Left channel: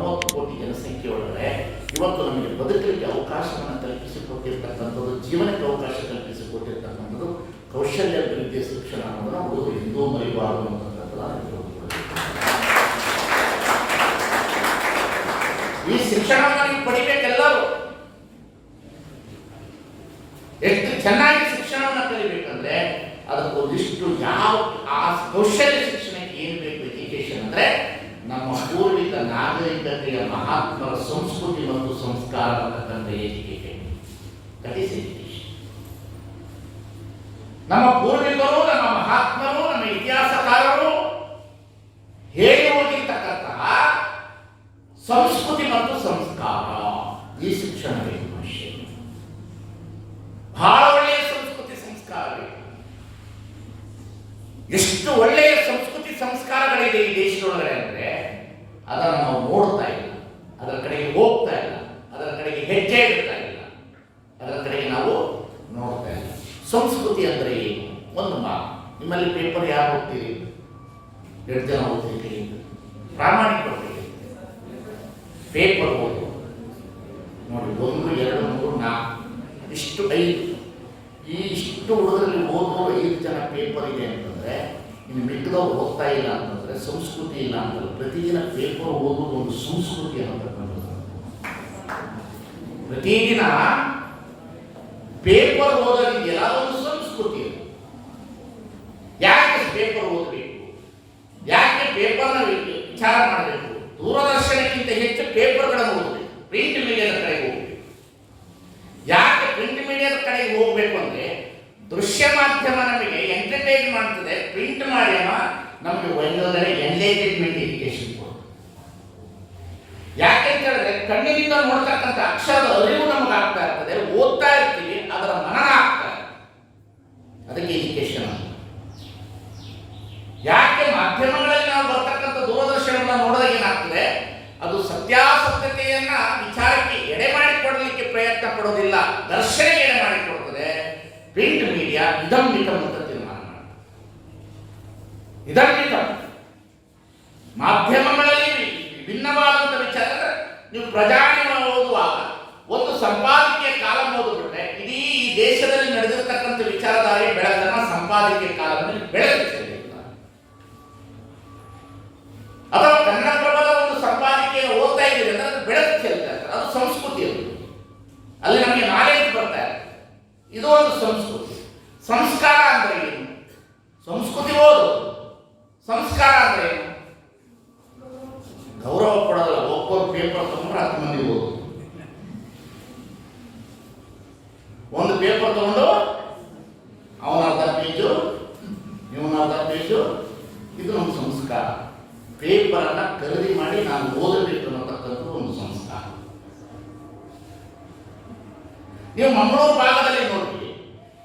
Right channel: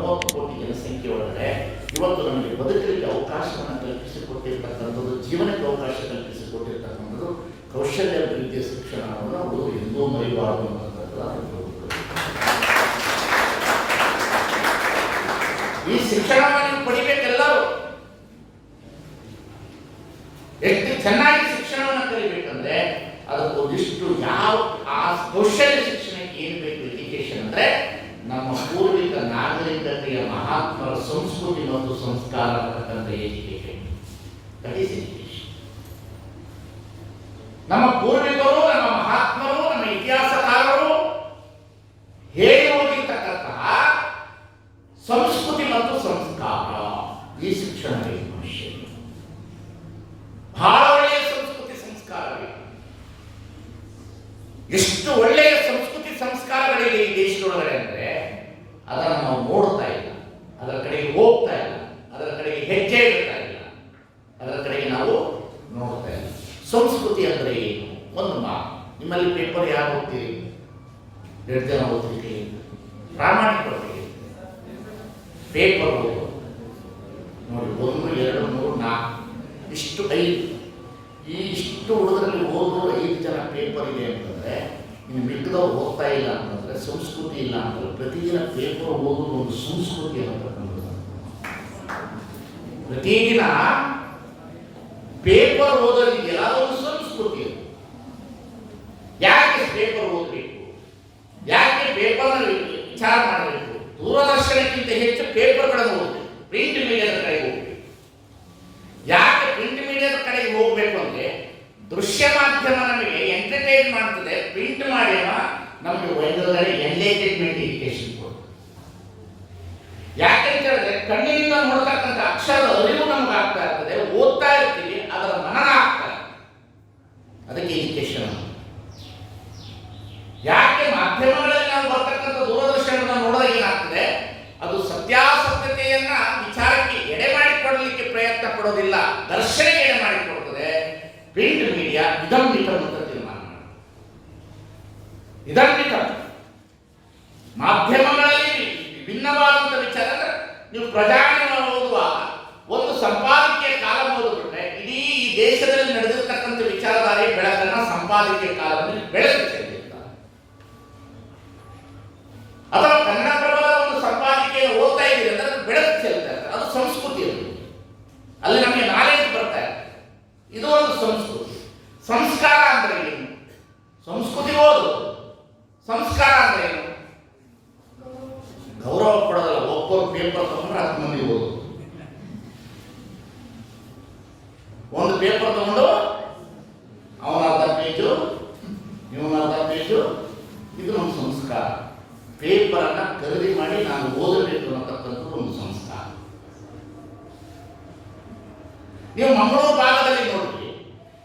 ಮೂವತ್ತು ಕೋಟಿ ಜನಸಂಖ್ಯೆ ಒಳಗಡೆ ಇವತ್ತು ನಮಗೆ ಬದುಕಲಿಕ್ಕೆ ಅವಕಾಶವನ್ನು ಕಲ್ಪಿಸಿಕೊಟ್ಟಿರ್ತಕ್ಕಂಥದ್ದು, ಜೀವನಕ್ಕೆ ಅವಕಾಶ ಕಲ್ಪಿಸಿಕೊಟ್ಟಿರ್ತಕ್ಕಂಥದ್ದು, ಕೌಶಲ್ಯ ಅಭಿವೃದ್ಧಿಯ ಶಿಕ್ಷಣ ಅನ್ನೋದನ್ನು ಹುಡುಗರು ಎಂದೂ ಮರಿಬಾರದು ಈ ಶಿಕ್ಷಣವನ್ನು ನೀವು ಪಡಿಬೇಕೆಲ್ಲರೂ. ಎಷ್ಟು ಚೆನ್ನಾಗಿ ಶಿಕ್ಷಣವನ್ನು ಕಲಿಬೇಕಂದ್ರೆ ಅದಕ್ಕೊಂದಿಷ್ಟು ಯಾವ ಆ ಕೌಶಲ್ಯ ಶಿಕ್ಷಣಕ್ಕೆ ಏನು ಬೇಕು ಎಜುಕೇಶನ್ ಅಂದ್ರೆ ನಮ್ಮ ಪೂರ್ವಿಕ ನಾಗರಿಕತೆಯ ಮಹಾತ್ಮರ ಸಂಸ್ಕೃತಿ ಮತ್ತು ಸಂಸ್ಕಾರ ಅಂತಕ್ಕಂಥ ಎಜುಕೇಶನ್ ನಮ್ಮ ಪೂರ್ವಿಕರು, ನಮ್ಮ ಮಹಾತ್ಮರು, ನಮ್ಮ ಇತಿಹಾಸಕಾರರು ಹೇಗೆ ಸಂಸ್ಕೃತಿ ಮತ್ತು ಸಂಸ್ಕಾರ. ಈ ಶಿಕ್ಷಣ ಮನುಷ್ಯ ಬಹಳ ಒಳ್ಳೆಯ ಸಂಸ್ಕೃತಿ ಸಂಸ್ಕಾರ ಎಷ್ಟು ಒಳ್ಳೆಯ ಸಂಸ್ಕೃತಿ ಸಂಸ್ಕಾರಗಳಿದೆ ಈ ದೇಶದೊಳಗಡೆ ಅದನ್ನು ನಾವು ನೋಡ್ತಾ ಇಲ್ಲ. ಅದರ ಕಡೆಗೆ ಹೋಗ್ತಾ ಇಲ್ಲ. ಅದರ ಕಡೆಗೆ ಹೆಜ್ಜೆ ಇಡ್ತಾ ಇಲ್ಲ. ಅದರ ಕಡೆಗೆ ನಾವು ನೋಡ್ತಾ ಇಲ್ಲ. ಸಂಸ್ಕೃತಿ ಅಂದರೆ ಏನು? ಒಂದು ಮಾ ನಿಮ್ಮಲ್ಲಿ ಪೇಪರ್ ಯಾರು ಓದ್ತೀರಿ? ಎರಡು ಜನ ಓದ್ತೀರಿ ಪ್ರಾಮಾಣಿಕ ಪೇಪರ್ ಓದು. ನೋಡಿ, ಒಂದು, ಎರಡು, ಮೂರು, ನಾಲ್ಕು. ಇಷ್ಟು ಐದು. ಈ ಇಷ್ಟು ಹುಡುಗರಲ್ಲಿ ಓದೋ ಐದು ಜನ ಪೇಪರ್ ಇದೆ ಅಂತಂದ್ರೆ ಇನ್ನು ಮಿಕ್ಕದವ್ರು ಓದ್ತಾ ಇಲ್ಲ ಅಂತಂದ್ರೆ ಸಂಸ್ಕೃತಿ ಇಲ್ಲ ಅಂತಲ್ಲ ಪ್ರತಿದಿನ ಪೇಪರ್ ಓದೋದು ಒಂದು ಸಂಸ್ಕೃತಿ ಅನ್ನತಕ್ಕಂಥದ್ದು ಪ್ರತಿದಿನ ಪೇಪರ್ ಓದೋದಕ್ಕೆ ಎಲ್ಲಾದ್ರೂ ಒಂದು ಸಂಸ್ಕೃತಿ. ಯಾಕೆ ಪೇಪರ್ ಓದಬೇಕು? ಯಾಕೆ ಪೇಪರ್ನಲ್ಲಿ ವಿಚಾರ ಮಾಡಬೇಕು? ದೂರದರ್ಶನಕ್ಕಿಂತ ಹೆಚ್ಚು ಪೇಪರ್ಗಳನ್ನು ಓದಬೇಕು. ಪ್ರಿಂಟ್ ಮೀಡಿಯಾದ ಕಡೆಗೆ ಹೋಗಬೇಕು. ಯಾಕೆ ಪ್ರಿಂಟ್ ಮೀಡಿಯಾದ ಕಡೆಗೆ ಹೋಗಬೇಕು ಅಂದ್ರೆ ದೃಶ್ಯ ಮಾಧ್ಯಮ ನಮಗೆ ಎಂಟರ್ಟೈನ್ ಮಾಡ್ತದೆ ಪ್ರಿಂಟ್ ಮಾಧ್ಯಮ ನಮಗೆ ಒಂದೊಂದರೆ ಎನ್ಲೇಜ್ಮೆಂಟ್ ಎಜುಕೇಶನ್ ಯಾಕೆ ಅಂತ ಹೇಳಿದ್ರೆ, ಕಣ್ಣಿನಿಂದ ನೋಡ್ತಕ್ಕಂಥ ಅಕ್ಷರದ ಅರಿವು ನಮಗೆ ಆಗ್ತಾ ಇರ್ತದೆ, ಓದ್ತಾ ಇರ್ತೀವಿ, ಅದರ ಮನನ ಆಗ್ತಾ ಇದೆ ಅದಕ್ಕೆ ಎಜುಕೇಶನ್ ಯಾಕೆ ಮಾಧ್ಯಮಗಳಲ್ಲಿ ನಾವು ಬರ್ತಕ್ಕಂಥ ದೂರದರ್ಶನವನ್ನು ನೋಡಿದಾಗ ಏನಾಗ್ತದೆ? ಅದು ಸತ್ಯಾಸತ್ಯತೆಯನ್ನ ವಿಚಾರಕ್ಕೆ ಎಡೆ ಮಾಡಿಕೊಡಲಿಕ್ಕೆ ಪ್ರಯತ್ನ ಪಡೋದಿಲ್ಲ, ದರ್ಶನಕ್ಕೆ ಎಡೆ ಮಾಡಿಕೊಡ್ತದೆ. ಪ್ರಿಂಟ್ ಮೀಡಿಯಾ ಇದಂ ನಿಕಂ ಅಂತ ತೀರ್ಮಾನ ನಿಕಂ ಮಾಧ್ಯಮಗಳಲ್ಲಿ ವಿಭಿನ್ನವಾದಂಥ ವಿಚಾರ ಅಂದ್ರೆ ನೀವು ಪ್ರಜಾಣಿ ಓದುವಾಗ ಒಂದು ಸಂಪಾದಕೀಯ ಕಾಲ ಓದಿಬಿಟ್ರೆ ಇಡೀ ಈ ದೇಶದಲ್ಲಿ ನಡೆದಿರತಕ್ಕಂಥ ವಿಚಾರಧಾರೆಯ ಬೆಳಕನ್ನ ಸಂಪಾದಕೀಯ ಕಾಲದಲ್ಲಿ ಬೆಳಕು ಸಂಸ್ಕಾರ ಅಂದ್ರೆ ಗೌರವ ಕೊಡೋದಲ್ಲ, ಒಬ್ಬರು ಪೇಪರ್ ತಗೊಂಡ್ರೆ ಹತ್ತು ಮಂದಿ ಓದು. ಒಂದು ಪೇಪರ್ ತಗೊಂಡು, ಅವನ ಅರ್ಧ ಪೇಜು ಇವನ ಅರ್ಧ ಪೇಜು ಇದು ನಮ್ಮ ಸಂಸ್ಕಾರ. ಪೇಪರನ್ನು ಖರೀದಿ ಮಾಡಿ ನಾನು ಓದಬೇಕು ಅನ್ನತಕ್ಕಂಥದ್ದು ಒಂದು ಸಂಸ್ಕಾರ. ನೀವು ಮಂಗಳೂರು ಭಾಗದಲ್ಲಿ ನೋಡಿ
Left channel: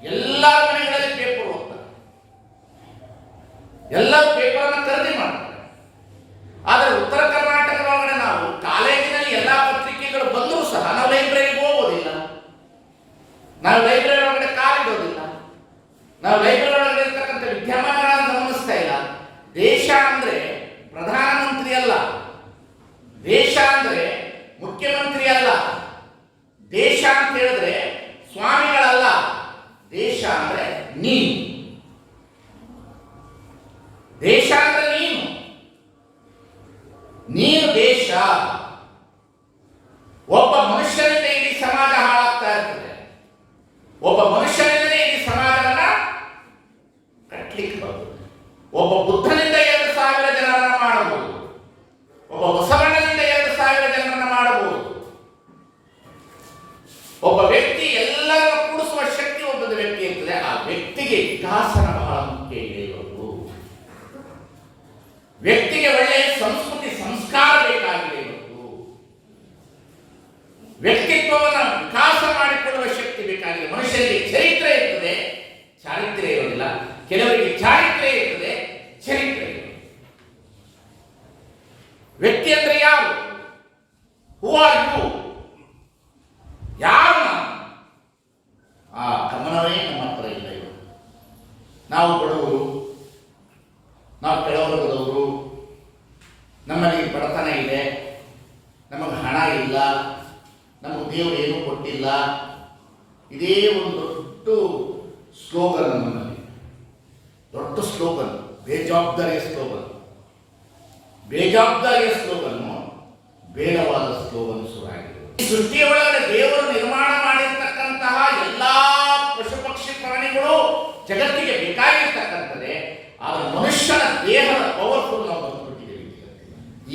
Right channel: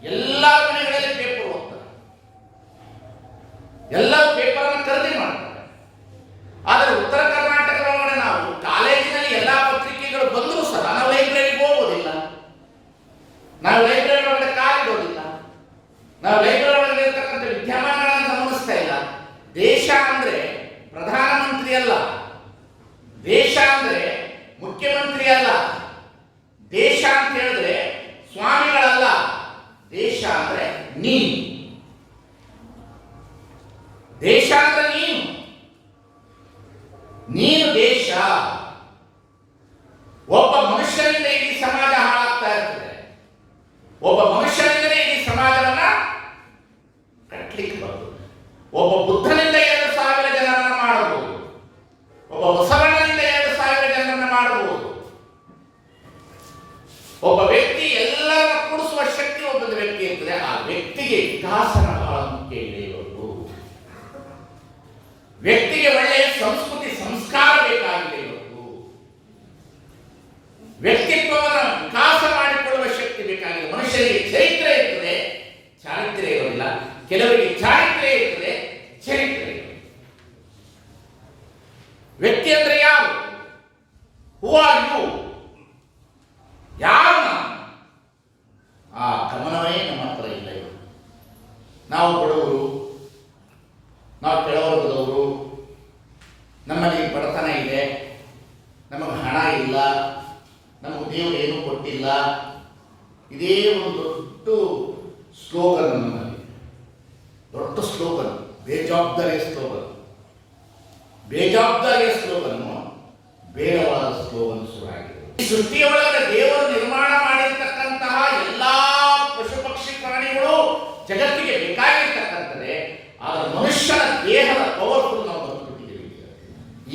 ಎಲ್ಲ ಮನೆಗಳಲ್ಲಿ ಪೇಪರ್ ಓದ್ತಾರೆ ಎಲ್ಲರೂ ಪೇಪರ್ನ ಖರೀದಿ ಮಾಡ್ತಾರೆ. ಆದರೆ ಉತ್ತರ ಕರ್ನಾಟಕದೊಳಗಡೆ ನಾವು ಕಾಲೇಜಿನಲ್ಲಿ ಎಲ್ಲ ಪತ್ರಿಕೆಗಳು ಬಂದರೂ ಸಹ ನಾವು ಲೈಬ್ರರಿಗೆ ಹೋಗೋದಿಲ್ಲ. ನಾವು ಲೈಬ್ರರಿ ಒಳಗಡೆ ಕಾಲಿಡೋದಿಲ್ಲ. ನಾವು ಲೈಬ್ರರಿ ಒಳಗಡೆ ಇರ್ತಕ್ಕಂಥ ವಿದ್ಯಮಾನಗಳನ್ನು ಗಮನಿಸ್ತಾ ಇಲ್ಲ. ದೇಶ ಅಂದ್ರೆ ಪ್ರಧಾನಮಂತ್ರಿ ಅಲ್ಲ. ದೇಶ ಅಂದ್ರೆ ಮುಖ್ಯಮಂತ್ರಿ ಅಲ್ಲ. ದೇಶ ಅಂತ ಹೇಳಿದ್ರೆ ಸ್ವಾಮಿಗಳಲ್ಲ. ದೇಶ ಅಂದ್ರೆ ನೀನು. ನೀನು ದೇಶ. ಒಬ್ಬ ಮನುಷ್ಯನಿಂದ ಇಡೀ ಸಮಾಜ ಹಾಳಾಗ್ತಾ ಇರ್ತದೆ. ಒಬ್ಬ ಮನುಷ್ಯರಿಂದಲೇ ಇಡೀ ಸಮಾಜವನ್ನ ಕಟ್ಟಲಿಕ್ಕೆ ಬರ್ತದೆ ಒಬ್ಬ ಬುದ್ಧನಿಂದ ಎರಡು ಸಾವಿರ ಜನರನ್ನ ಮಾಡಬಹುದು. ಒಬ್ಬ ಬಸವಣ್ಣನಿಂದ ಎರಡು ಸಾವಿರ ಜನರನ್ನ ಮಾಡಬಹುದು. ಒಬ್ಬ ವ್ಯಕ್ತಿ ಎಲ್ಲರನ್ನ ಕೂಡಿಸುವ ಶಕ್ತಿ ಒಬ್ಬದ ವ್ಯಕ್ತಿ ಇರ್ತದೆ. ಆ ವ್ಯಕ್ತಿಗೆ ವಿಕಾಸನ ಬಹಳ ಮುಖ್ಯ ಇದೆ ಇವತ್ತು ವ್ಯಕ್ತಿಗೆ ಒಳ್ಳೆಯ ಸಂಸ್ಕೃತಿ ಸಂಸ್ಕಾರ ಬೇಕಾಗಿದೆ ಇವತ್ತು ವ್ಯಕ್ತಿತ್ವವನ್ನು ವಿಕಾಸ ಮಾಡಿಕೊಳ್ಳುವ ಶಕ್ತಿ ಬೇಕಾಗಿದೆ. ಮನುಷ್ಯರಿಗೆ ಚರಿತ್ರೆ ಇರ್ತದೆ. ಚಾರಿತ್ರ್ಯ ಇರೋದಿಲ್ಲ. ಕೆಲವರಿಗೆ ಚಾರಿತ್ರ್ಯ ಇರ್ತದೆ. ಚರಿತ್ರೆ ವ್ಯಕ್ತಿ ಅಂದ್ರೆ ಯಾರು? ಹೂ ಆರ್ ಯು ಯಾರು ಆ ಗಮನವೇ ನಮ್ಮ ಹತ್ರ ಇಲ್ಲ ಇವರು ನಾವು ಬಡವರು, ನಾವು ಕೆಳವರ್ಗದವರು, ನಮ್ಮಲ್ಲಿ ಬಡತನ ಇದೆ, ನಮಗೆ ಹಣ ಇಲ್ಲ ನಮಗೆ ದೇವರು ಏನೂ ಕೊಟ್ಟಿಲ್ಲ. ಇದೇ ಒಂದು ದೊಡ್ಡ ಸ್ಲೋಗನ್ ನಮ್ಮಲ್ಲಿ ದೊಡ್ಡ ಸ್ಲೋಗನ್ ಬೇಜವಾಬ್ದಾರಿಯ ಸ್ಲೋಗನ್. ಬೇಜವಾಬ್ದಾರಿಯ ಸ್ಲೋಗನ್ನು ಬೇಡವಾದ ಸ್ಲೋಗನ್ ಶುರುವಾಗಿದೆ. ಈ ಸೃಷ್ಟಿಯ ದೇವರು ನಿರ್ಮಾಣ ಮಾಡಿರ್ತಕ್ಕಂತಹ ಎಲ್ಲಾ ಪಶು ಪಕ್ಷಿ ಪ್ರಾಣಿಗಳು ಜಗತ್ತಿಗೆ ಬೇಕಾಗಿರ್ತಕ್ಕಂಥದ್ದೇ, ಆದರೆ ಮನುಷ್ಯನ ದೇಹದ ಪವರ್ಫುಲ್ ನಾವು ಬಂದುಬಿಟ್ಟಿದ್ದೇವೆ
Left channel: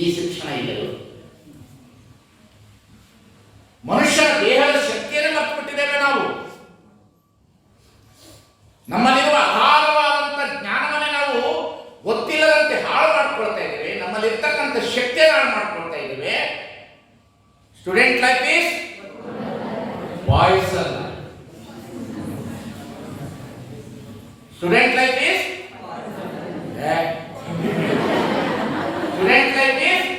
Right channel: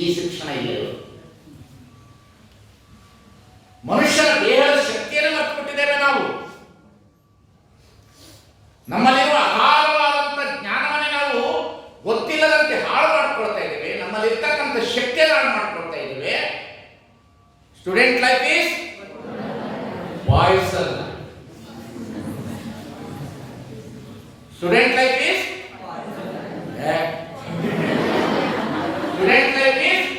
ಈ ಶಿಕ್ಷಣ ಇಲ್ಲವೇ ಮನುಷ್ಯನ ದೇಹದ ಶಕ್ತಿಯನ್ನು ಮರೆತು ಬಿಟ್ಟಿದ್ದೇವೆ ನಾವು ನಮ್ಮಲ್ಲಿರುವ ಅಗಾಧವಾದಂಥ ಜ್ಞಾನವನ್ನೇ ನಾವು ಗೊತ್ತಿಲ್ಲದಂತೆ ಹಾಳು ಮಾಡ್ಕೊಳ್ತಾ ಇದ್ದೇವೆ. ನಮ್ಮಲ್ಲಿರ್ತಕ್ಕಂಥ ಶಕ್ತಿಯನ್ನು ಹಾಳು ಮಾಡ್ಕೊಳ್ತಾ ಇದ್ದೇವೆ. Student life is poison student life is student life is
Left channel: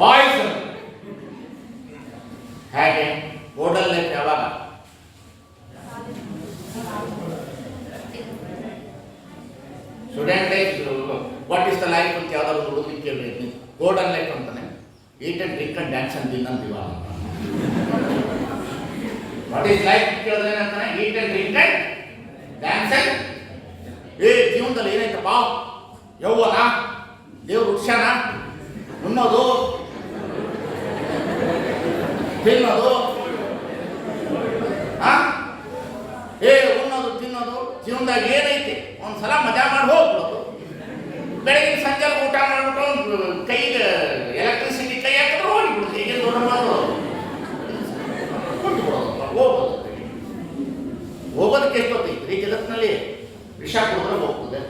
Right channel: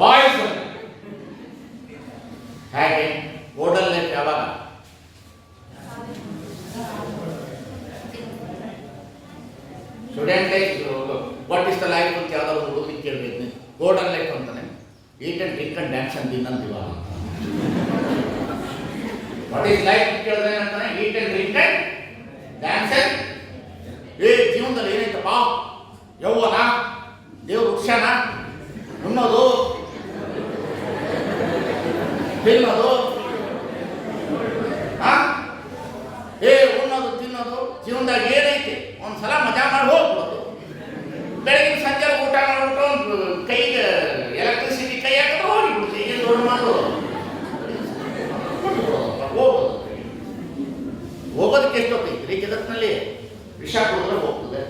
poison ಹೇಗೆ? ಗೋಲ್ಡನ್ ಲೈಫ್ ಯಾವಾಗ? Student life what is the life ಅಂತ ಯಾವ್ದಾದ್ರು ಒಂದು ಹುಡುಗರಿಗೆ ಕೇಳಬೇಕು ಗೋಲ್ಡನ್ ಲೈಫ್ ಅಂತಾನೆ. Eat and drink and dance ಅಂತ. ಇನ್ನೊಂದು ಇವಾಗ ವಾಟ್ ಈಸ್ ಲೈಫ್ ಕೇಳಿದ್ರೆ ಅಂತಾನೆ eat and drink and dance and ಏ, ಜೀವನದಲ್ಲಿ ಏನೈತಪ್ಪ ಯೌವನ? ದೇವ್ರ ವೃಕ್ಷನ ಉಣ್ಣೋದು ತಿನ್ನೋದು? ಏ, ಉಣ್ಣೋದು, ತಿನ್ನೋದು? ಜೀವನದಾಗ ಏನೈತಿ? ಒಂದ್ಸಲ ಮಜಾ ಮಾಡಿ ಹೋಗ್ಬಿಡೋದು. ಬೆಳಗಿನ ಸಂಜೆ ಊಟ ಮಾಡ್ಬಿಟ್ಟು ಕೈಗೆ ಎಲೆಕ್ಟ್ರಿಸಿಟಿ ಕೈ ಹಾಕಿದ್ರೆ ಹೋಗಿಬಿಡುತ್ತೆ ಏನು ದೊಡ್ಡ ಹೋಗೋದಕ್ಕೆ ಹೋಗೋದು ಹೋಗೋದಕ್ಕೆ ಎಷ್ಟೊತ್ತೈತ್ರಿ ಜಗತ್ತಿನಲ್ಲಿ ವಿಷ ಕುಡಿದ್ರೆ ಹೋಗ್ತದೆ.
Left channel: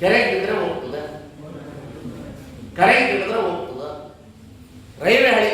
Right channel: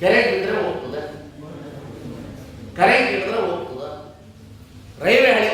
ಕೆರೆಗೆ ಬಿದ್ದರೆ ಹೋಗ್ತದೆ. ಕರೆಂಟ್ ಹಿಡಿದ್ರೆ ಹೋಗ್ತದೆ. ರೈಲ್ವೆ ಹಳಿ